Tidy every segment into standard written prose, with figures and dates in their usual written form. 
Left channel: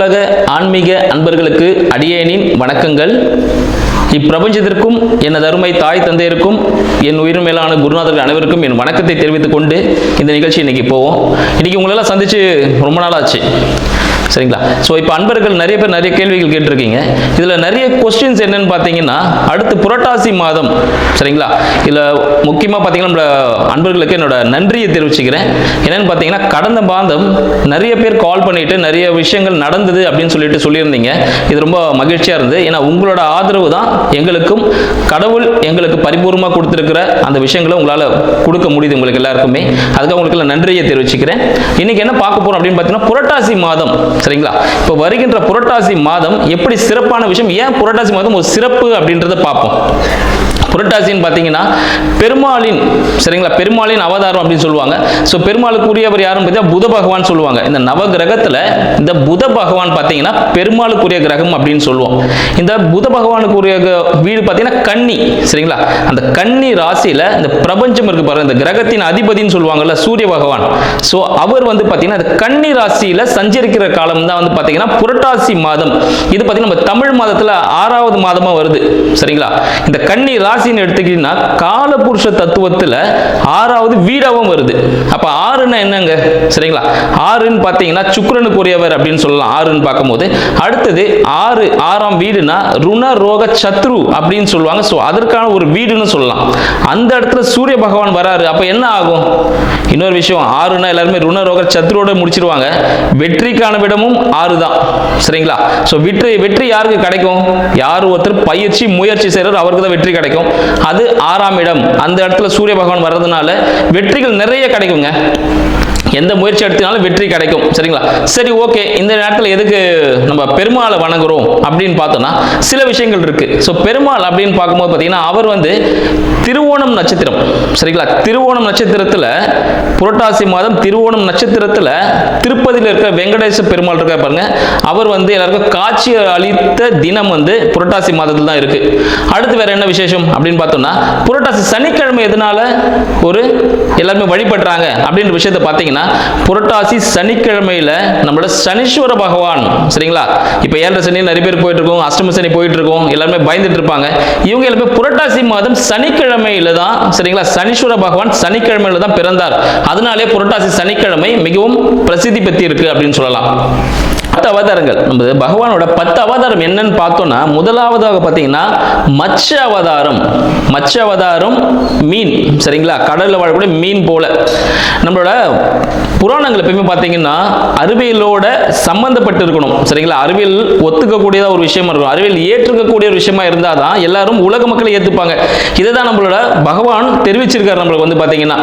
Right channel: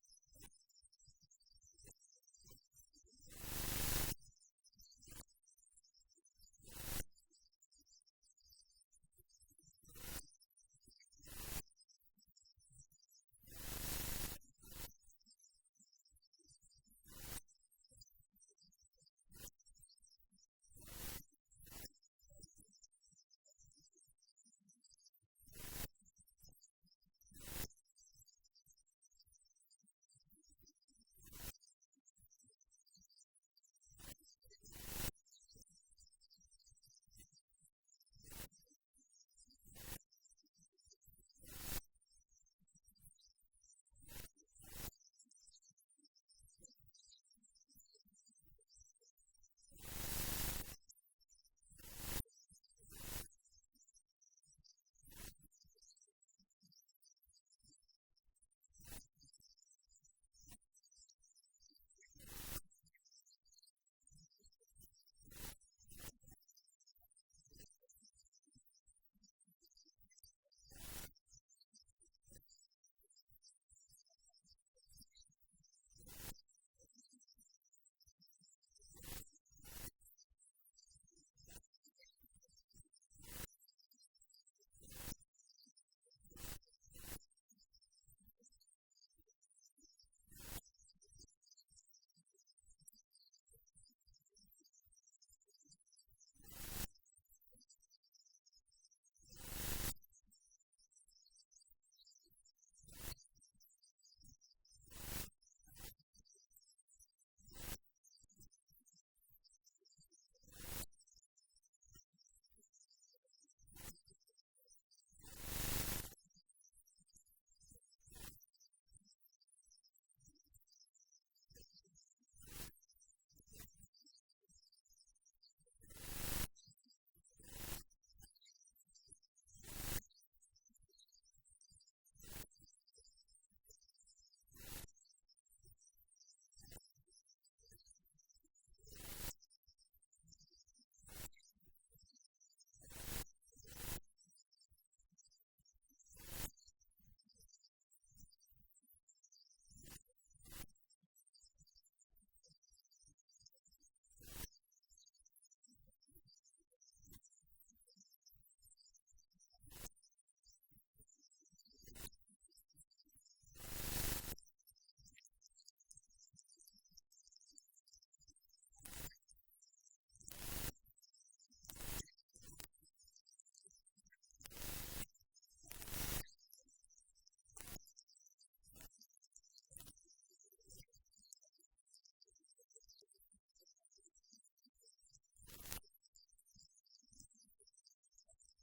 அனைத்துலக ஆன்மீக அன்பர்களுக்கு அடியேனின் வணக்கங்கள். இப்பிரபஞ்சத்திற்கும் எனது அருமை தாய் தந்தையருக்கும் என் உயிர் மேலான குருநாதர்கள் அனைவருக்கும் என் வணக்கத்தை தெரிவித்துக் கொண்டு இந்த நிகழ்ச்சி இன்னைக்கு போவோம். இன்னைக்கு உங்களெல்லாம் சந்திச்சு ரொம்ப நாள் ஆச்சு, சரிங்களா? ஸோ இப்போ அன்பர்கள் நிறைய பேர் நிறைய கேள்விகள் கேட்டிருக்கீங்க. இதில் நிறைய கொஸ்டின்ஸ் என்னன்னு பார்த்தீங்கன்னா, அடுத்து புரட்டாசி மாதம், சரிங்களா? இதில் முக்கியமாக பார்த்தீங்கன்னா நம்மள அன்பர்களுக்கு என்னோட நன்றியை தெரிவிச்சுக்கிறேன். என்னன்னு பார்த்தீங்கன்னா, கடந்த மாதம் நிறைய பேர் கால் பண்ணிட்டு நிறைய விஷயங்கள் நடந்தது அப்படின்னு சொல்லியிருந்தீங்க. இது ரொம்ப மகிழ்ச்சியாக இருந்தது. ஏன்னா உங்களோட ஆதரவு தான் எங்களுக்கும் கடவுள் எங்களுக்கு பரிபூர்ணமாக கொடுத்துருக்கிற அந்த விஷயங்களை உங்களால் கொடுக்க முடியுது உங்களுக்கு எல்லாருக்குமே. அதுக்காக உங்களுக்கு நன்றியை தெரிவிச்சுக்கிறேன். இன்னைக்கு என்ன பார்க்க போறோம் அப்படின்னு பார்த்தீங்கன்னா, புரட்டாசி மாதம், சரிங்களா? இப்போ வருகின்ற புரட்டாசி மாதம் எப்படி சிறப்பான விஷயம், ஏன் புரட்டாசி மாதம் ஒரு சிறப்பு அப்படின்றத பார்ப்போம். புரட்டாசின்னு பார்த்தீங்கன்னா பெருமாளின், சரிங்களா, பெருமாளின் அவதாரம் அப்படின்னு சொல்லுவாங்க. ஸோ பெருமாளுக்குரியவர் யாரும் பார்த்தீங்கன்னா புத பகவான் சொல்லுவாங்க. இந்த நவ கிரகத்தில் இந்த புத பகவான் பார்த்தீங்கன்னா பெருமாளுக்குரிய கிரகம் அப்படின்னு சொல்லுவோம். இந்த புத பகவானுக்குரிய வீடு பார்த்தீங்கன்னா கன்னி, சரிங்களா? அந்த கன்னி ராசியில் இந்த பிரபஞ்சம் இருக்கு பாருங்க, இந்த கிரகத்தின் அதிபதினு சொல்லுவாங்கல்ல, சூரிய பகவான். ஸோ அவர் வந்து பார்த்தீங்கன்னா இந்த கன்னி ராசியில் சஞ்சரிக்கிற காலம் தான் வந்து பார்த்தீங்கன்னா புரட்டாசி மாதம். இது பார்த்தீங்கன்னா நம்ம தமிழ் மாதத்தில் 6வது மாதமாக வருது, சரிங்களா? இந்த கன்னி ராசி எடுத்துக்கிட்டீங்கன்னா காலபுருஷ தத்துவத்துல 6வது வீடாவும் வருது. அப்ப 6ன்னா என்னங்க, சரிங்களா? 6ன்னு பாத்தீங்கன்னா சுக்கிரனுக்குரியவர் அப்படின்னு சொல்லலாம். 6ன்னு பார்க்கும்போது அடுத்தது 6ஆம் வீடுனா ருண ரோக சத்ரு அப்படின்னு சொல்லுவாங்க. ஸோ அதற்கான ஒரு வீடுன்னு சொல்லலாம். அந்த இடத்துல சூரிய பகவான் வராரு. அப்ப என்ன ஆகும்? இன்னொரு விஷயம், 6ன்னா எல்லாருமே ருண ரோக சத்ருவோட முடிச்சிருவாங்க. வெற்றிக்கான விடமும் 6 தான், சரிங்களா? ஸோ வெற்றி யாருக்கு கிடைக்கும்? யார் ஒருத்தர் பயிற்சி முயற்சி செய்யறாரு அவருக்கு தான் வெற்றி கிடைக்கும். அது 6ஆம் இடம். அந்த இடத்துல சூரிய பகவான் வர்றதுனால வெற்றிகள் நிறைய கிடைக்குங்க. எந்த முயற்சி எடுத்தினாலும் வெற்றி கிடைக்கும், சரிங்களா? சரி, ஓகே. இந்த நேரத்தில் எதுக்கு நம்ம பெருமாளை வணங்குறோம் அப்படின்னு பார்த்தோம்னா சில விஷயங்கள் இருக்கு. ஸோ பெருமாள் அப்படின்னு பார்க்கும்போது பார்த்தீங்கன்னா அவர் வந்து திருவோணம் நட்சத்திரம், சரிங்களா? திருவோணம் நட்சத்திரத்தில் புரட்டாசி மாதம் திருவோணம் நட்சத்திரத்தில் திருப்பதியில் இருக்கிற வெங்கடேச பெருமாள் இருக்க பாருங்க, அவர் வந்து எல்லாருக்கும் காட்சி அளித்த தினம் வந்து புரட்டாசி மாதத்தில் தான் இருக்கு. அடுத்து வேற என்ன விசேஷம் அப்படின்னு பார்த்தோம்னா, புரட்டாசி சனிக்கிழமை எதனால ஒரு எல்லாருமே வழிபடுறாங்க அப்படின்ற விஷயத்தை பார்த்தீங்கன்னா, புரட்டாசி சனிக்கிழமையில நம்மளோட சனீஸ்வர பகவான், சரிங்களா? இப்ப 7 சனி நிறைய பேர் போயிட்டு இருக்கோம், அஷ்டம சனி போயிட்டு இருக்கோம், எல்லாருமே பயந்துட்டு இருப்பாங்க. இவங்க எல்லாமே புரட்டாசி மாதம் சனிக்கிழமையில தான், சரிங்களா, சனீஸ்வர பகவான் சனிக்கிழமையில தான் பிறந்தார். அதனாலே புரட்டாசி சனிக்கிழமை மிகவும் பிரசித்தி பெற்று இருக்கு அப்படின்னு சொல்லலாம். 10 அவதாரங்கள், நம்ம பகவானோட 10 அவதாரம் என்னன்னு பார்த்தோம்னா, முதலாவதாக பார்த்தீங்கன்னா மச்ச அவதாரம். மச்ச அவதாரம் மீன், சரிங்களா? கடல்ல வாழக்கூடிய மீன் போல. நம்மளோட புராணங்கள் எப்பயுமே பார்த்தீங்கன்னா அறிவியலோட சம்பந்தப்பட்டு இருக்கணும், சரிங்களா? அறிவியல் ஒத்துக்கக்கூடியதா ஒரு விஷயமா இருக்கும், அறிவியல் ஏற்றுக்கக்கூடிய ஒரு விஷயமா இருந்தால் தான் எல்லாரும் உலக மக்களை ஏற்றுப்பாங்க. இதை தான் நம்மளோட பகவான் தெரிவிச்சிருக்காரு நம்மளுக்கு வந்து பார்த்தீங்கன்னா.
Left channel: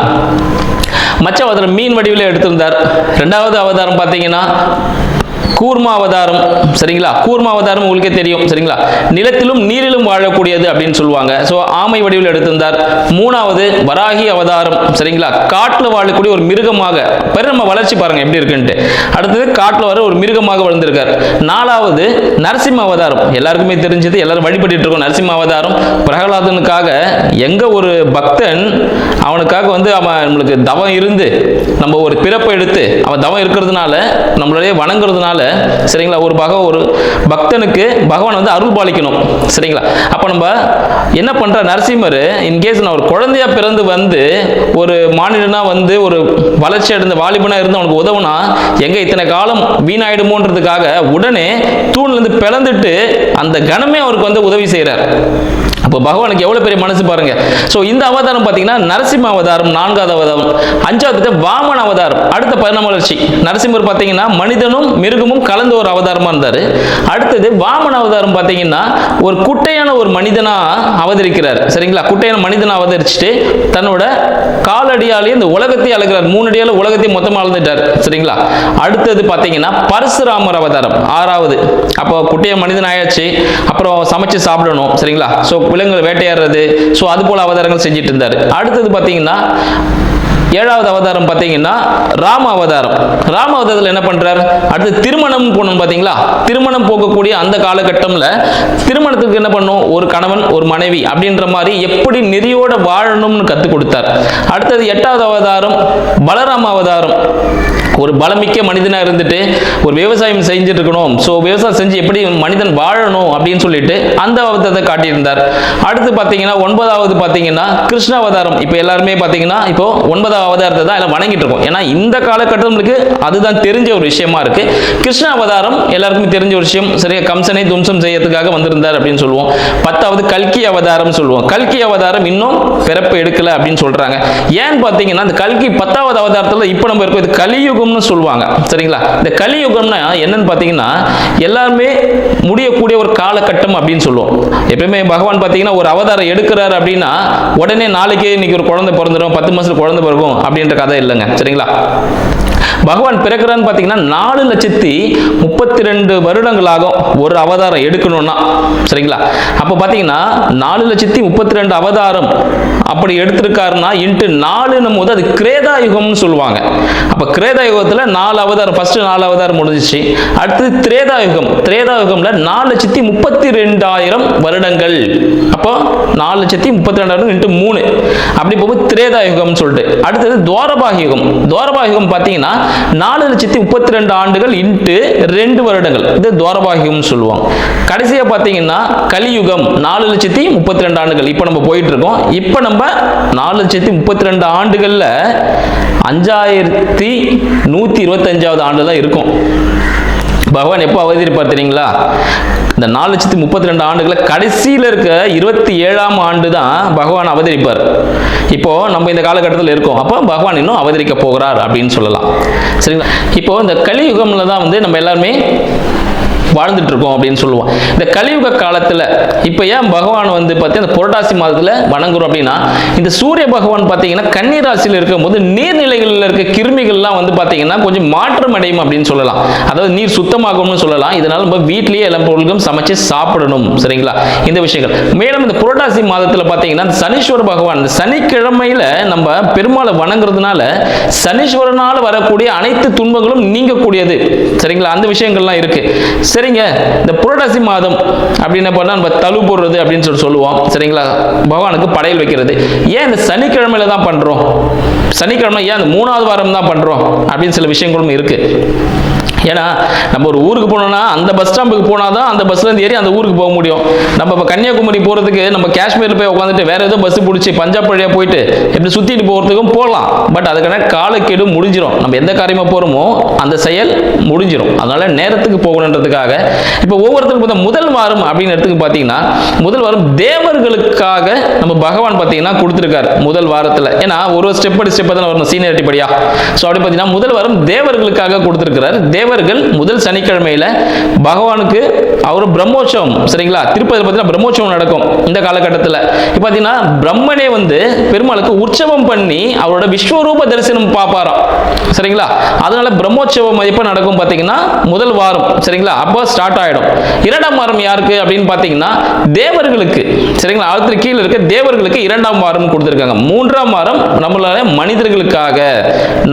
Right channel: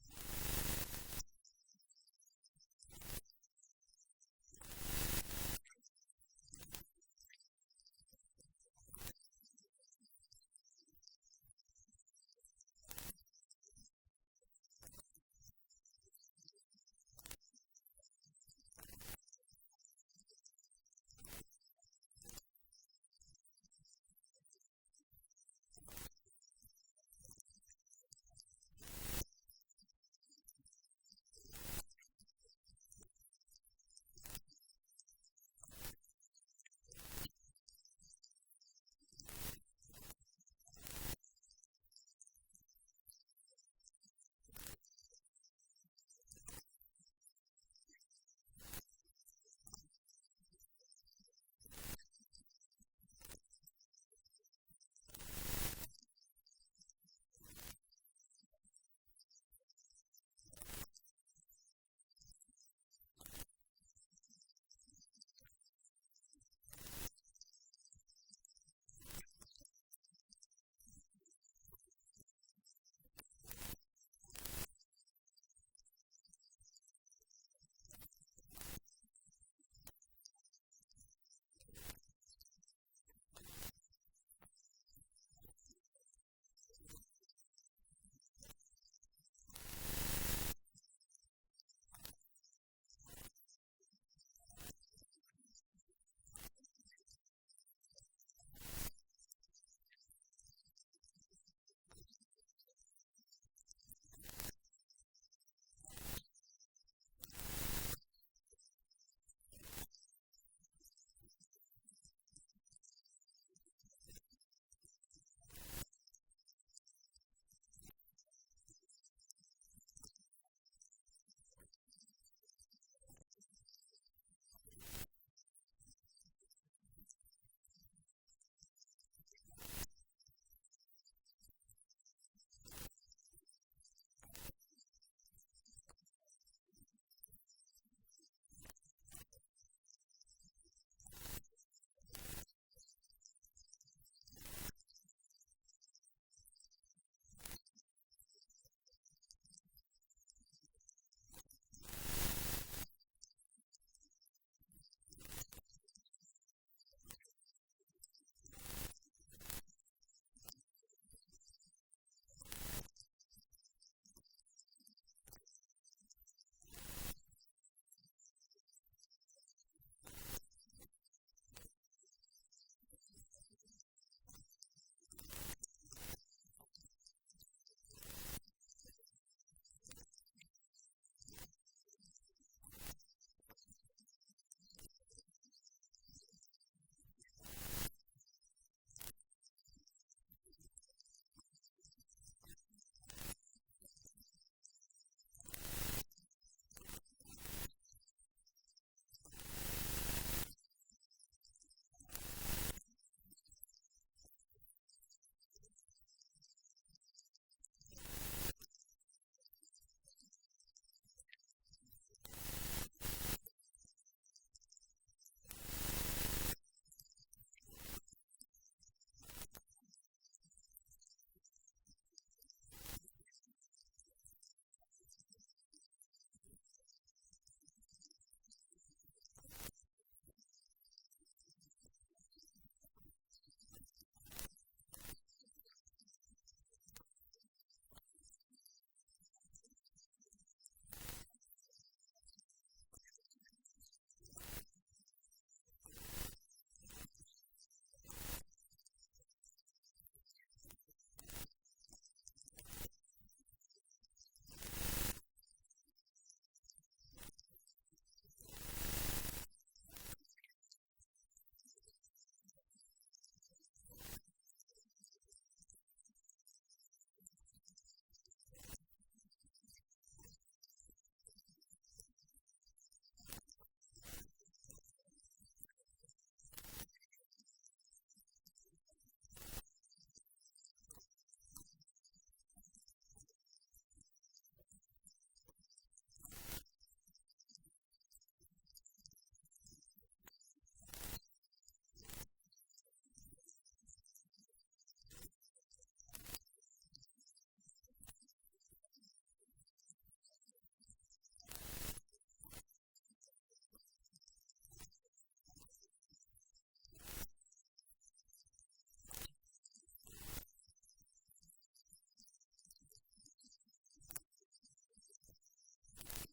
மச்ச அவதாரம் மீன் வடிவில் எடுத்திருந்தார். 2வது அவதாரம் பார்த்தீங்கன்னா கூர்மா அவதாரம், சரிங்களா? கூர்மா அவதாரம் உங்களுக்கே தெரியும், சரிங்களா? நிலத்திலும் நீரிலும் வாழக்கூடியது அப்படின்னு சொல்லுவாங்க. ஸோ ஆமை வடிவில் எடுத்திருந்தார். 3வது வராகி அவதாரம், சரிங்களா? காட்டில் வாழக்கூடிய ஒரு மிருகமாக, நம்ம வளர்ச்சி பாருங்க எப்படி இருக்குன்ட்டு. அடுத்தது காட்டில் வர ஒரு மிருகமாக வளர்ந்திருக்கார். 4வது நரசிம்ம அவதாரம், எல்லாருக்குமே தெரிஞ்சது, எல்லாரும் வழிபட்டு இருக்கோம். நரசிம்ம அவதாரம் பிரகலாதனுக்காக எங்க ஒரு பக்தன் அவனுக்காக வந்து அவன் நம்மளுக்கு தவம் இருந்து நம்ம ஒரு பிறப்பை எடுத்து அவன் தவம் இருக்கிறதுனால நம்மளுடைய வணங்குறதுனால, சரிங்களா, ஒரு பக்தனுக்கு பகவான் வந்து அருள் பாலிக்கணும், சரிங்களா? அப்ப நம்ம என்ன பண்ற, நரசிம்மர் இன்கேஸ் நான் ஒரு குழந்தையா பிறந்து வந்து ஒரு மாநிலனா வந்து ஒரு வளர்ச்சி அடைந்த வாலிபனா இருந்து அவனுக்கு உதவுனா எங்க இத்தனை காலம் வீணாயிடுமோன்றதுக்காக உடனே தூண்ல இருந்து பிளந்துட்டு அந்த கணமே அவருக்கு வந்து உதவி செய்யறார். அப்போ பகவானுக்கு எவ்வளவு பெரிய மனசு பாருங்க. ஸோ இந்த அவதாரம் பார்த்தீங்கன்னா நரசிம்ம அவதாரம் 4வது அவதாரம். 5வது வாமன அவதாரம், அடுத்த பரிணாம வளர்ச்சி. நரசிம்மர் பார்த்தீங்கன்னா மனிதனும் மிருகமும் கலந்த ஒரு அவதாரமா இருந்தாரு. அடுத்தது வாமன அவதாரம் பார்த்தீங்கன்னா ஒரு குட்டையான ஒரு மனிதனா அவதரிக்கிறார், சரிங்களா? குட்டையான மனிதனா அவதரிச்சுட்டு தன்னோட காலடியாலே இந்த உலகத்தை அழகிறார். 3 அடியால உலகத்தை மொத்தமாக அளந்துட்டார், சரிங்களா? அடுத்தது பார்த்தீங்கன்னா பரசுராமர் அவதாரம் 6வது. அப்போ குட்டையான மனிதன் ஆயாச்சு, அப்புறம் சமைச்சு சாப்பிடணும், சரிங்களா? ஸோ விலங்குகளை வேட்டையாடுறது, ஸோ அது போல அவதாரங்கள் செஞ்சுட்டு இருந்தார். அடுத்தது பார்த்தீங்கன்னா 7வது அவதாரம் பார்த்தீங்கன்னா ராம அவதாரம். ராம அவதாரத்தில் என்ன பண்றார்? அடுத்து திருமணம் போகணும் பார்த்தீங்களா? திருமணம் போகக்கூடிய அந்த காலகட்டம்ல திருமணத்துக்கு என்ன பண்ணும், ஒரு கணவன் ஒரு மனைவி அப்படின்ற மாதிரி எப்படி நெறியோட வாழணும்னு கற்றுக் கொடுத்தார். அடுத்தது 8வது அவதாரம் பலராம அவதாரம். ஒரு பலமிக்க மனிதனாக இருந்துட்டு ஒரு விவசாயம் செஞ்சுட்டு இருக்கணும், ஸோ விவசாயம் செஞ்சு எப்படி மனிதன் வாழணும் அப்படின்னு சொல்லிட்டு அந்த அவதாரத்தை காட்டியிருந்தார். அடுத்து பார்த்தீங்கன்னா 9வது பார்த்தீங்கன்னா கிருஷ்ண அவதாரம். இப்போ எல்லாருமே பார்த்தீங்கன்னா இப்போ 9வது அவதாரத்தை தான் எல்லாம் வணங்கிட்டு இருக்கோம். ஏன்னா இந்த காலகட்டங்களுக்கு அதுதான் தெரிஞ்ச ஒரு விஷயமா இருக்கு. கிருஷ்ண அவதாரம் எல்லாருக்குமே தெரிஞ்ச ஒரு விஷயம். சரியா, கம்சனை தும்சம் செய்யறதுக்காக வந்திருந்தார் அப்படின்னு சொல்லுவோம். 10வது கல்கி அவதாரம் சொல்லுவோம். கல்கி அவதாரம் இன்னும் பிறப்பு எடுக்கல அப்படின்னு சொல்றாங்க. ஏன்னு பார்த்தீங்கன்னா இந்த கல்கி 10வது அவதாரத்தில் இப்போ நம்ம இருக்கோம், இது கலியுகம் சொல்லுவாங்க. சரிங்களா, இந்த கலியுகம்னா என்னன்னு பாத்தீங்கன்னா எல்லாருமே முடியக்கூடிய ஒரு காலகட்டம் அப்படின்னு சொல்லுவோம். எப்பவுமே பகவான் பாத்தீங்கன்னா ஒரு அவதாரம் எடுக்கிறாரு அப்படின்னா உடனே நாளைக்கே இன்னைக்கு ஒரு குழந்தை பிறந்துடும், 10 மாசத்துல குழந்தை பிறக்கும் அப்படின்ற கதை இல்லைங்க. சரிங்களா, பகவான் பிறக்கிறான்னு பார்த்தீங்கன்னா 4,32 வருடங்களாகும் ஒரு அவதாரம் எடுக்கணும்னா. சரிங்களா, அப்போ பார்த்தீங்கன்னா 4,32 அவதாரம் அப்படி எடுத்திருக்காருன்னா இன்ட்டு 4 போது அது கிரேதா யுகம்னு சொல்லுவாங்க. அப்போ கிரேதா யுகத்தில் 4 அவதாரம், ஃபர்ஸ்ட் 4 அவதாரம் முடிஞ்சிச்சு. அடுத்து திரேதா யுகம். திரேதா யுகம்ல 4,32,000 வருடங்கள். அப்போ 4,32,000 இன்ட்டு 3 அப்படி போகும்போது திரேதா யுகம்னு சொல்லிட்டு. அடுத்தது துவாரபாக யுகம். துவாரபாக யுகம் பார்த்தீங்கன்னா 4,32 ஆண்டுகள் இன்ட்டு 2 வருடங்கள். இது துவாரபாகியம் சொல்லுவோம். கடைசியா பார்த்தீங்கன்னா கலியுகம் 4,32 ஆண்டுகள். இப்போ நம்ம போயிட்டு இருக்கோம். இப்போ நம்ம 4,32 ஆண்டுகள்ல 5,125வது ஆண்டு தான் இருக்கும். பகவான் எப்போ அவதரிப்பார் தெரியுங்களா? இந்த 4,32 ஆண்டுகளை கடைசியில் இருக்க 27ஆம் ஆண்டு தான் பகவான் அவதரிப்பார். இப்போ நம்ம இந்த காலகட்டத்தில் இருக்கோம். அப்போ பகவான் இன்னும் அவதரிக்க போகிறார் அப்படின்னு சொல்லலாம். சரிங்களா, இப்போ இந்த கலியுகம்ல தான் வந்து நம்ம எல்லாருமே வாழ்ந்துட்டு இருக்கோம் அப்படின்னு சொல்லுவோம். இந்த கலியுக காலத்துல இப்ப ஏன் பகவான் வந்து பார்த்தீங்கன்னா புரட்டாசி மாதத்துல வணங்குறோம் அப்படின்னா, இந்த சூரிய பகவான் பார்த்தீங்கன்னா கன்னி ராசியில் இருக்கும் போது நீர்நிலைகளில் இருக்க கிருமிகள்லாம் வந்து பார்த்தீங்கன்னா கொஞ்சம் மாற்றம் அடையும் அப்படின்னு சொல்லலாம். அதாவது நீர் சுத்தமாகும்னு சொல்லலாம். இதனால நம்ம வீட்லயே எல்லா பொருட்களும் சமைச்சு சாப்பிடணும். சரிங்களா, இந்த விஷயங்கள். மேலும் இந்த புரட்டாசி மாதத்துல பார்த்தீங்கன்னா சனீஸ்வர பகவான் இந்த சனிக்கிழமையில நம்ம பெருமாளை வணங்குறதுனால சனீஸ்வரனால் வரக்கூடிய அனைத்து துன்பங்களும் நீங்கக்கூடியது. சரிங்களா, அந்த விஷயங்கள்லாம் இருக்கு. சரிங்க, இந்த புரட்டாசி மாதம் அப்படின்னு பண்ணா நம்ம தழு போடுறது அப்படின்னு சொல்லுவோம். சரிங்களா, பகவானுக்கு படையல் வைக்கிறது. ஏன் இந்த சனிக்கிழமையில தான் பண்றோம்? சனிக்கிழமை ஏன் அந்த 3வது வாரம் தான் பண்றோம் அப்படின்னு சில விஷயங்களும் இருக்கு. ஏன்னா நம்ம ஒரு ஊருக்கு போனோம்னா அந்த பஸ் ஸ்டாம்புக்கு போனால் தான் அந்த பஸ்ல இருந்து ஏறி அந்த ஊருக்கு போக முடியும். நம்ம இப்போ கன்னியாகுமரி போகிறதுக்கு நம்ம காஷ்மீரில் போய் உட்காந்துட்டு வேற ஏதோ பஸ் பிடிச்சி பஞ்சாப் வழியாக போயிட்டு எப்படி சுற்றிட்டு போகிறதுக்கும் போகலாம். பட் அதுக்கான காலக்கெடு முடிஞ்சிடும். நம்ம எந்த காரியமாக போகிறோமோ அந்த செயல் முடிஞ்சிடும். அதனால நேரத்துக்கு போகணுன்றதுக்காக இப்போ ஒவ்வொருத்தருக்கும் முதல் வாரம் அப்படின்னு எடுத்துக்கு பார்த்தீங்கன்னா முதல் வாரம் தேவர்களுக்காக நம்ம பகவான் பார்த்தீங்கன்னா கொடுத்துருக்காரு முதல் வாரத்தில். ஏன்னா ஒரு ஸ்டெப் படி ஸ்டெப் தான் வரணும், சீனியரிட்டி படியா. ஸோ அப்படி பார்த்தீங்கன்னா முதல் வாரம் தேவர்களுக்காக கொடுத்துருக்கிறார். தேவர்கள் முதல் சனிக்கிழமையில பகவானுக்கு அவர் பிரம்மோற்சவம். சரிங்களா, திருப்பதி பார்த்தீங்கன்னா பிரம்மோற்சவம் நடக்கும் இந்த காலகட்டத்தில். இப்போ பார்த்தீங்கன்னா பிரம்மனே வந்து பெருமாளுக்கு உற்சவம் பண்ணி அவரோட விஸ்வரூப தரிசனம் பார்ப்பாராம். சரிங்களா, அதனால பிரம்மோற்சவம் எப்போ நடக்கும் பார்த்தீங்கன்னா முதல் வாரம். சரிங்களா, அப்போ ஸ்டார்ட் ஆயிடும். 2ஆம் வாரம் யாருக்கு அப்படின்னு பார்த்தீங்கன்னா தேவர்களுக்கு. சரிங்களா, அடுத்து கீழே இருக்க தேவர்களுக்கு 2ஆம் வாரம் கொடுத்துருக்காங்க. 3ஆம் வாரம் நம்மளால மனிதர்களுக்காக,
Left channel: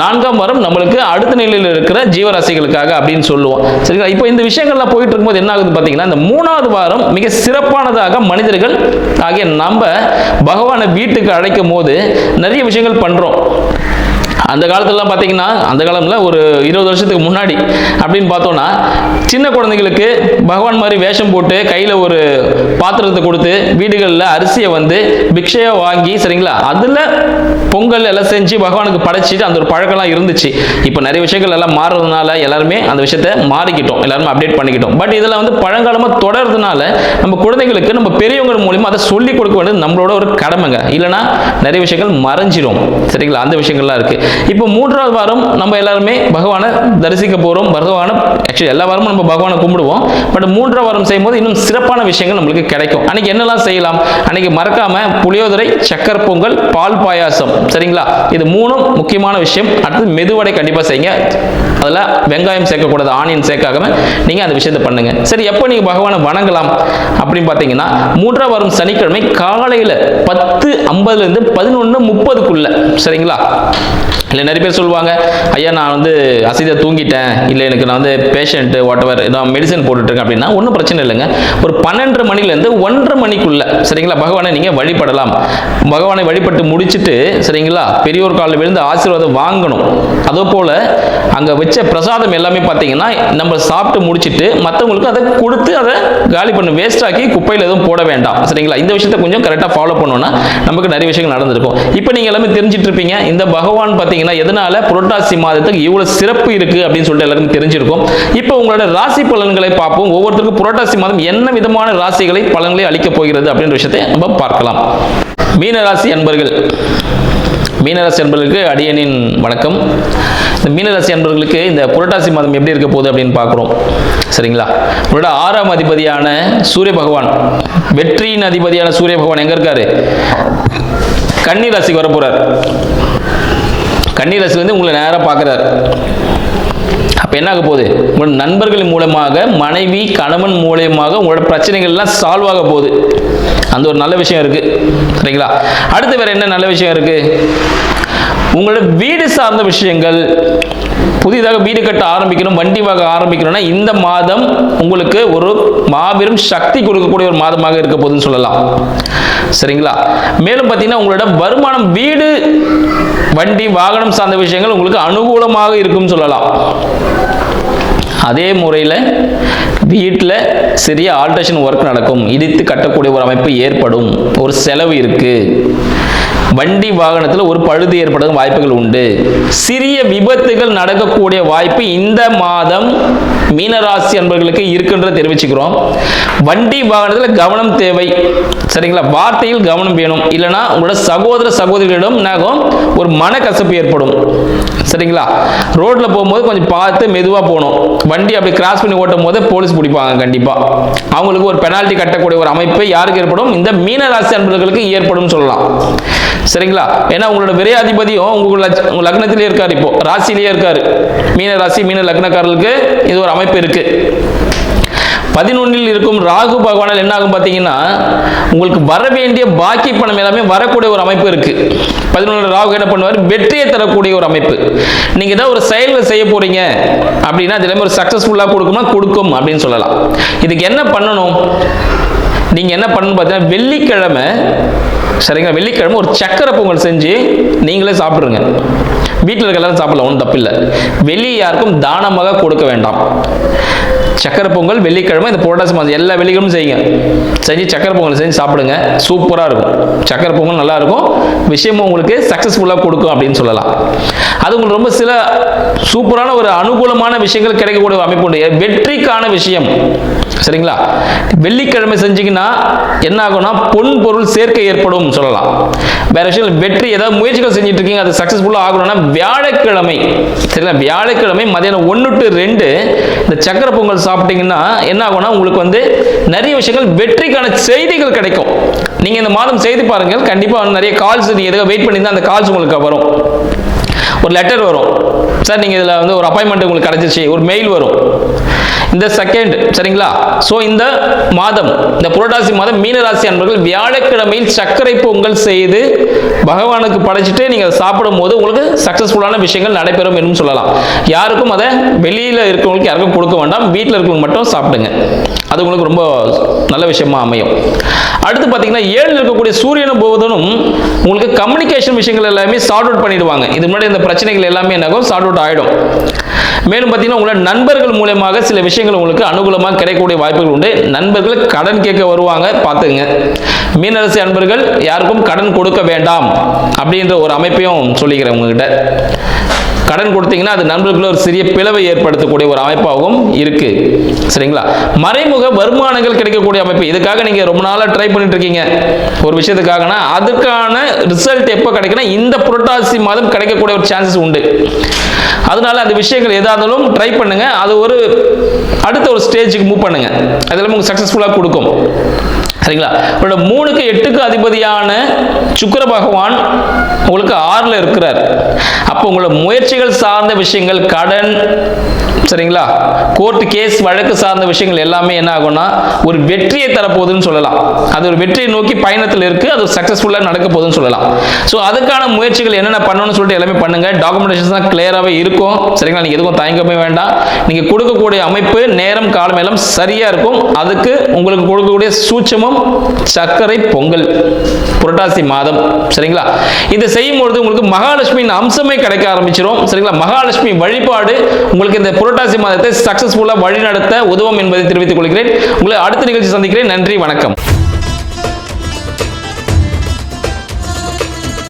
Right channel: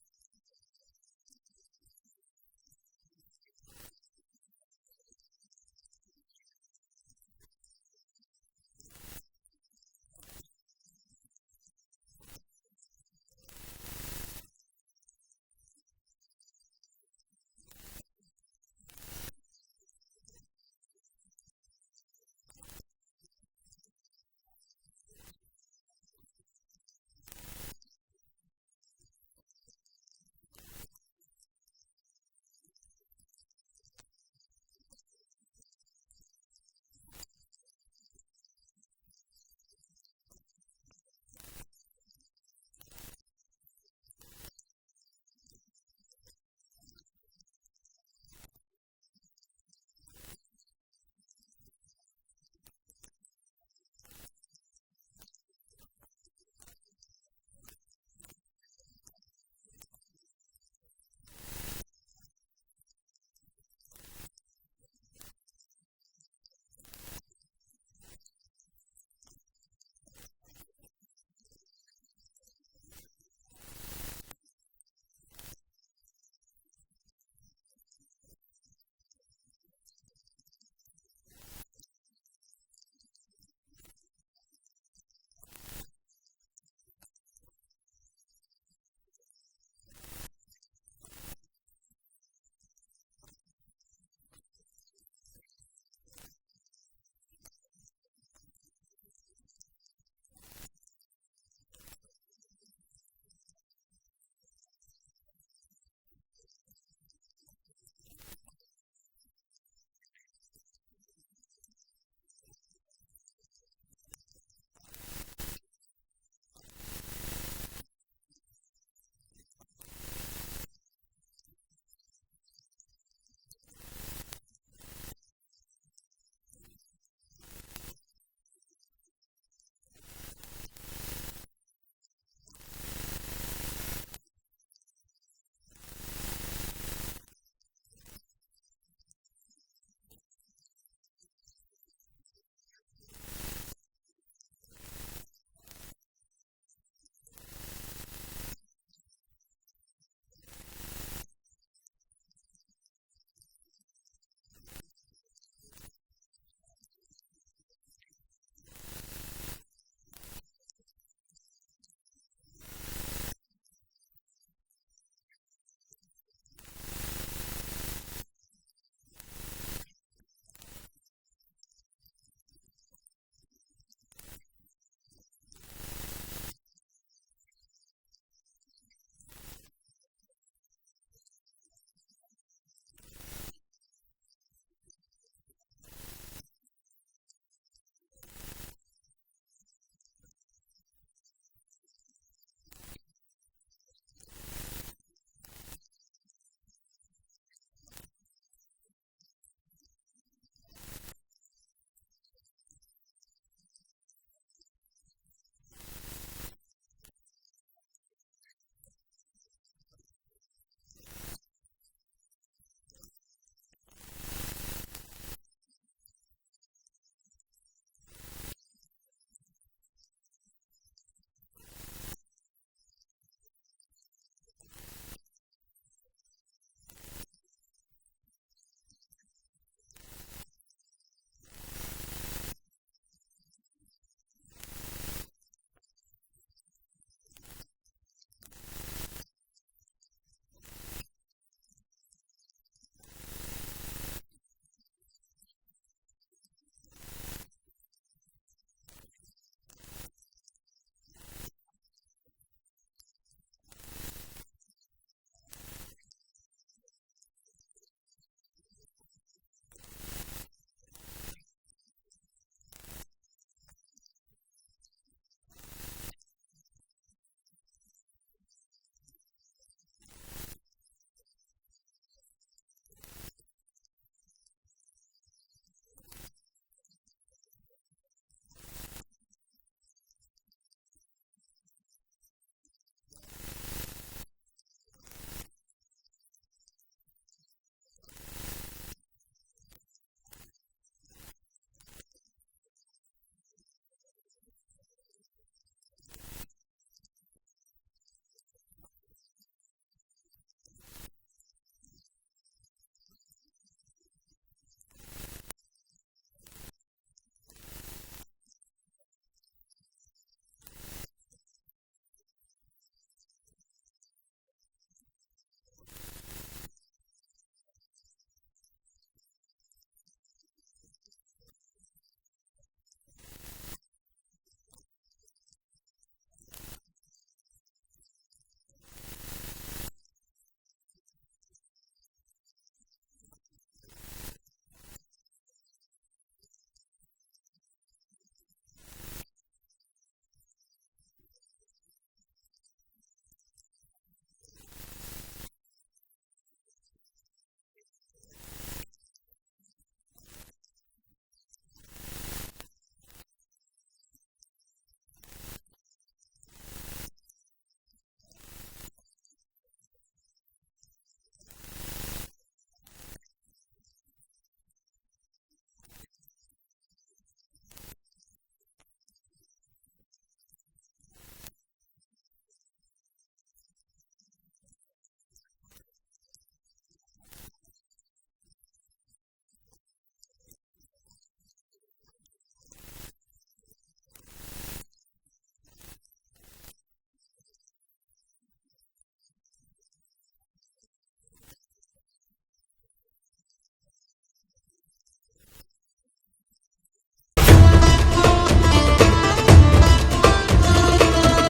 4ஆம் வாரம் நம்மளுக்கு அடுத்த நிலையில் இருக்கிற ஜீவராசிகளுக்காக அப்படின்னு சொல்லுவோம். சரிங்களா, இப்போ இந்த விஷயங்கள்லாம் போயிட்டு இருக்கும்போது என்ன ஆகுது பார்த்தீங்கன்னா இந்த 3வது வாரம் மிக சிறப்பானதாக மனிதர்கள் ஆகிய நம்ம பகவானை வீட்டுக்கு அழைக்கும் போது நிறைய விஷயங்கள் பண்றோம். அந்த காலத்துலலாம் பார்த்தீங்கன்னா அந்த காலம்ல ஒரு 20 வருஷத்துக்கு முன்னாடி அப்படின்னு பார்த்தோம்னா சின்ன குழந்தைகளுக்கு பகவான் மாதிரி வேஷம் போட்டு கையில் ஒரு பாத்திரத்தை கொடுத்து வீடுகளில் அரிசியை வந்து பிக்ஷையை வாங்கி, சரிங்களா, அதில் பொங்கல் எல்லாம் செஞ்சு பகவானுக்கு படைச்சிட்டு அந்த ஒரு பழக்கம்லாம் இருந்துச்சு. இப்போ நிறைய விஷயங்கள் எல்லாம் மாறுறதுனால எல்லாருமே அந்த விஷயத்தை மாறிக்கிட்டோம், எல்லாருமே அப்டேட் பண்ணிக்கிட்டோம். பட் இதெல்லாம் வந்து பழங்காலமாக தொடர்றதுனால நம்ம குழந்தைகளுக்கு நம்ம பெரியவங்க மூலியமா அதை சொல்லிக் கொடுக்க வேண்டியது நம்மளோட ஒரு கடமைங்க. இல்லைன்னா நிறைய விஷயங்கள் மறைஞ்சிரும். சரிங்களா, அந்த விஷயங்கள்லாம் இருக்கு. இப்போ 3வது வாரம் நம்ம எல்லாருமே பகவானை தரிசிக்க போறோம். பகவானை ஆக்சுவலி எல்லா வாரமும் நம்ம பகவானை கும்பிடுவோம். பட் 3ஆம் வாரம் செய்யும்போது இன்னும் சிறப்பான விஷயங்கள் நம்மளுக்கு கிடைக்கும். அன்னைக்கு என்னெல்லாம் செய்யலாம்? அன்னைக்கு மறக்காம புளியோதரை, சக்கரை பொங்கல், பால் பாயாசம். சரிங்களா, இது 3ம் முக்கியமான விஷயம். அடுத்து மெதுவடை கண்டிப்பா செய்யுங்க. அதில் வெங்காயம் சேர்க்கக்கூடாது, ஆனியன் சேர்க்காம நீங்க அந்த விஷயத்தை பண்ணுங்க. சரி, எப்போ நீங்க பகவானை வணங்கலாம் அப்படின்னு பார்த்தீங்கன்னா 3ஆம் வாரம் சனிக்கிழமை காலையில 10:50 11:30. சரிங்களா, இல்லை நிறைய பேர் சொல்லுவாங்க, ஐயா நான் வந்து அசதியாக தூங்கிட்டேன், இல்லை எனக்கு நான் வந்து பேஷண்ட்டு வாட்டவர் நான் மெடிசன் போட்டுட்ருக்கேன் அப்படின்னா ஒன்றும் பிரச்சனை இல்லைங்க. ஒரு 12:30 மணிலேருந்து 1:30 மணிக்குள்ளே சரிங்களா பகவானை நீங்கள் வழிபடலாம். பகவானை வழிபட்டு முடிச்சுட்டு சரிங்களா பெரியோர் காலில் விழுந்து ஆசீர்வாதம் வாங்கணும். அதே போல் அங்கே வச்ச பிரசாதம் எல்லாமே பார்த்தீங்கன்னா நம்ம சாப்பிட்டு முடிச்சுட்டு மற்றவங்களுக்கு அதை கொடுத்து அதை காலி பண்ண வேஸ்ட் ஆக்கி குப்பையில் எதுவும் போட வேண்டாம் சரிங்களா. இந்த விஷயத்தை கொஞ்சம் கரெக்டாக ஃபாலோ பண்ணோன்னா நமக்கு நிறைய விஷயங்கள் நடந்திருக்கும். இப்போ நீங்கள் எல்லாமே தெரிஞ்சிட்டு இருப்பீங்க இந்த பகவான் பார்த்தீங்கன்னா எதனால புரட்டாசி மாதத்துக்கு இவ்வளவு சிறப்பு இருக்கு அப்படின்னு சொல்லிட்டு எல்லாருக்கும் தெரிஞ்சிருக்கும். இப்போ உங்களோட ராசி பலன்களை பார்ப்போம். ஒவ்வொருத்தருக்கும் புரட்டாசி மாதம் என்ன விதமான ராசிகளை பலன்களை அளிக்கப் போகிறது அப்படின்ற விஷயத்தை நம்ம பார்க்கலாம். மீனராசி அன்பர்கள், மீனராசி அன்பர்களுக்கு அடியனின் வணக்கம். இந்த மீனராசி அன்பர்களுக்கு இந்த புரட்டாசி மாதம் எப்படி இருக்க போகுது அப்படின்னு பார்க்குறோம் சரிங்களா. உங்களோட 6ஆம் அதிபதியான சூரிய பகவான், வெற்றியின் அதிபதியான சூரிய பகவான் எங்க இருக்காரு? கன்னி ராசிக்கு வர போறார். கன்னி ராசிலேருந்து உங்களை நேராக பார்க்குறார். அப்போ என்ன ஆக போகுது? உங்களோட நண்பர்கள் மூலமாக, மனைவி கணவன் மூலமாக உங்களோட பிரச்சனைகள்லாம் சால்வ் ஆக போகுது. அந்த ஒரு நல்ல விஷயம் இருக்கு சரிங்களா. அடுத்து வேற என்ன நல்ல விஷயம் இருக்கு? உங்களோட வீடு சார்ந்த விஷயங்கள், புதிதாக வீடு கட்ட ஆரம்பிக்கணும், வண்டி வாங்க ஆரம்பிக்கணும்னா இந்த மாதம் உங்களுக்கு ஒரு மாபெரும் சக்தி கொடுக்கக்கூடிய ஒரு மாதமாக இருக்க போகுதுன்னு சொல்லலாம் சரிங்களா. மேலும் பார்த்தீங்கன்னா உங்களோட வருமானம், வீடு வண்டி வாகனம் சார்ந்த விஷயங்கள் உங்களுக்கு அனுகூலமாக இருக்கும் சொல்லலாம். அதே முறையில் வீட்டில் சிறிய ஆல்ட்ரேஷன் ஒர்க் நடக்கும், இடித்து கட்டக்கூடிய ஒரு அமைப்பு ஏற்படும், ஒரு செலவு இருக்கு, வண்டி வாகனத்தில் ஒரு பழுது ஏற்பட வாய்ப்புகள் உண்டு, சிறிய விபத்துகள் நடக்கக்கூடிய வாய்ப்பு இந்த மாதம் மீனராசி அன்பர்களுக்கு இருக்குன்ற தெரிவிச்சுக்கிறோம். வண்டி வாகனத்தில் கவனம் தேவை சரிங்களா. வார்த்தையில் கவனம் வேணும், இல்லைன்னா உங்களோட சகோதர சகோதரிகளிடம் ஒரு மனக்கசப்பு ஏற்படும் சரிங்களா. ரோட்ல போகும்போது கொஞ்சம் பார்த்து மெதுவாக போகணும். வண்டி அப்படி கிராஸ் பண்ணி ஓட்டும் போது போலீஸ் பிடிப்பாங்க கண்டிப்பா. அவங்களுக்கு ஒரு பெனால்ட்டி கட்டக்கூடிய ஒரு அமைப்பு யாருக்கு ஏற்படும்? இந்த மீனராசி அன்பர்களுக்கு ஏற்படும் சொல்லலாம் சரிங்களா. ஏன்னா உங்களோட விரையாதிபதியும் உங்க லக்னத்திலே இருக்காரு, இப்போ ராசியிலேயே இருக்காரு. மீன ராசி மீன லக்னக்காரர்களுக்கு இது ஒரு அமைப்பு இருக்கு. 11 இருக்கும் ராகு பகவானால் என்ன ஆகும் பார்த்தீங்கன்னா உங்களுக்கு வர வேண்டிய பாக்கி பணம் எல்லாமே வரக்கூடிய ஒரு அமைப்பு இருக்கு. 11 ராகு என்ன பண்ணுவார்? வெற்றியை தரக்கூடிய ஒரு அமைப்பு. நீங்க ஏதாவது ஒரு செயல்கள் செய்ய போறீங்க அப்படின்னா அது எல்லாமே ஒரு சக்சஸ்ஃபுல்லா கொடுக்கும் அப்படின்னு சொல்லலாம். இதுக்கு என்ன பண்ணணும்? நீங்க என்ன பண்ணணும் பார்த்தீங்கன்னா வெள்ளிக்கிழமை சரிங்களா, வெள்ளிக்கிழமை ஒரு சக்கரை பொங்கல் செஞ்சு நீங்களே சாப்பிடுங்க. வீட்டில் இருக்க எல்லாரும் சாப்பிடலாம், ஒன்றும் தப்பில்லை. வெளியே யாருக்கும் தானமாக கொடுக்க வேண்டாம். சக்கரை பொங்கல் வெள்ளிக்கிழமை இந்த புரட்டாசி மாதம் எல்லா வெள்ளிக்கிழமும் செய்யுங்க. செஞ்சு சக்கரை பொங்கல் செஞ்சு சாப்பிடுங்க, சூப்பராக இருக்கும். சக்கரை பொங்கல் நல்லா இருக்கும், விஷயமும் உங்களுக்கு சக்ஸஸ்ஃபுல்லாக கொடுக்கும் அப்படின்னு சொல்லலாம். அது உங்களுக்கு ரொம்ப சில சூப்பரான ஒரு அனுகூலமான விஷயங்கள் கிடைக்கக்கூடிய ஒரு அமைப்பு உண்டு. வெற்றிக்கான விஷயம் சரிங்களா. வெள்ளிக்கிழமை செஞ்சீங்கன்னா என்ன ஆகும்னா பொன் பொருள் சேர்க்கை ஏற்படும் சொல்லலாம். வேற விஷயம் வெற்றி ஏதாவது முயற்சிகள் செஞ்சுட்டு இருக்கீங்க அது சக்ஸஸ்ஃபுல்லாக ஆகணும்னா வியாழக்கிழமை சரிங்களா, வியாழக்கிழமை மதியானம் 1 to 2 இந்த சக்கரை பொங்கல் சாப்பிட்டீங்கன்னா என்ன ஆகும்னா உங்களுக்கு நிறைய விஷயங்கள் வெற்றிக்கான செய்திகள் கிடைக்கும். நீங்க இந்த மாதம் செய்து பாருங்கள், கண்டிப்பா நிறைய கால்ஸ் நீங்க எதுக்கு வெயிட் பண்ணியிருந்தா அந்த கால்ஸ் உங்களுக்கு வரும். ஒரு லெட்டர் வரும், சார் நீங்க இதுல ஒரு அப்பாயின்மெண்ட் உங்களுக்கு கிடைச்சிச்சு, ஒரு மெயில் வரும் இந்த செகண்ட் சரிங்களா. ஸோ இந்த மாதம் இந்த புரட்டாசி மாதம் மீனராசி அன்பர்கள் வியாழக்கிழமையில் சர்க்கரை பொங்கல் செய்து பகவானுக்கு படைச்சிட்டு நீங்க சாப்பிடும் போது உங்களுக்கு சக்சஸ்ஃபுல்லான விஷயங்கள் நடைபெறும் என்று சொல்லலாம். யாருக்கும் அதை வெளியில இருக்கிறவங்களுக்கு யாருக்கும் கொடுக்க வேண்டாம், வீட்டில் இருக்கிறவங்க மட்டும் சாப்பிடுங்க. அது உங்களுக்கு ரொம்ப நல்ல விஷயமா அமையும். அடுத்து பார்த்தீங்கன்னா 7 இருக்கக்கூடிய சூரியனும் புதனும் உங்களுக்கு கம்யூனிகேஷன் விஷயங்கள் எல்லாமே சார்ட் அவுட் பண்ணிடுவாங்க. இது முன்னாடி இந்த பிரச்சனைகள் எல்லாமே என்னாகும் சார்ட் அவுட் ஆகிடும். மேலும் பார்த்தீங்கன்னா உங்களோட நண்பர்கள் மூலமாக சில விஷயங்கள் உங்களுக்கு அனுகூலமாக கிடைக்கக்கூடிய வாய்ப்புகள் உண்டு. நண்பர்கள் கடன் கேட்க வருவாங்க, பார்த்துங்க. மீனராசி அன்பர்கள் யாருக்கும் கடன் கொடுக்க வேண்டாம் அப்படின்ற ஒரு அமைப்பையும் சொல்லிக்கிறேன் உங்ககிட்ட. கடன் கொடுத்தீங்கன்னா அது நண்பர்களுக்கு ஒரு சிறிய பிளவை ஏற்படுத்தக்கூடிய ஒரு அமைப்பாகவும் இருக்கு சரிங்களா. மறைமுக வருமானங்கள் கிடைக்கக்கூடிய அமைப்பு, இதுக்காக நீங்க ரொம்ப நாளா ட்ரை பண்ணிட்டு இருக்கீங்க ஒரு விஷயத்துக்காகனா அதுக்கான ரிசல்ட் எப்போ கிடைக்குன்னா இந்த புரட்டாசி மாதம் கிடைக்கக்கூடிய ஒரு சான்சஸ் உண்டு. அதனால அந்த விஷயங்கள் எதாலும் ட்ரை பண்ணுங்க, அது ஒரு அடுத்த ஒரு ஸ்டேஜுக்கு மூவ் பண்ணுங்க, அதெல்லாம் உங்களுக்கு சக்சஸ்ஃபுல்லாக கொடுக்கும் சரிங்களா. உங்களோட 3க்கு 8க்கு அதிபதியான சுக்கிர பகவான் உங்களுக்கு 6ல் இருக்கிறார். அப்போ உங்களோட முயற்சிகள் சார்ந்த விஷயங்கள், கடன் சரிங்களா? கோர்ட் கேஸ் வழக்கு சார்ந்த விஷயங்கள் எல்லாமே என்ன ஆகும்னா ஒரு வெற்றியை தரப்போகுதுன்னு சொல்லலாம். அது ஒரு வெற்றியை நோக்கி பயணத்தில் இருக்கு, அது சக்சஸ்ஃபுல்லாக நடக்க போகுதுன்னு சொல்லலாம். ஸோ அதுக்கான முயற்சிகள் என்னென்ன பண்ணணும்னு சொல்லிட்டு எல்லாமே பண்ணுங்க. டாக்குமெண்டேஷன் தான் கிளியராகவே இருக்கும். சரிங்களா? நீங்கள் எதுவும் தயங்கவே வேண்டாம். நீங்கள் கொடுக்கக்கூடிய அமைப்பு நேரம் காலம் எல்லாம் சரியா இருக்கும். அதுக்கு உங்களுக்கு கொடுக்கக்கூடிய சூட்சமம் சர்க்கரை பொங்கல் புரட்டாசி மாதம். சரிங்களா? இதை செய்யும் பொழுது உங்களுக்கு மகாலட்சுமியின் அம்சமே கிடைக்க ஆரம்பிச்சிடும். சரிங்களா? மகாலட்சுமி வழிபாடு உங்களுக்கு இந்த புரட்டாசி மாதத்தை சக்சஸ்ஃபுல்லா வழி நடத்த உதவும் என்பதை தெரிவித்துக் கொள்கிறேன். உங்களை அடுத்த நிகழ்ச்சி சந்திக்கிறேன். நன்றி, வணக்கம்.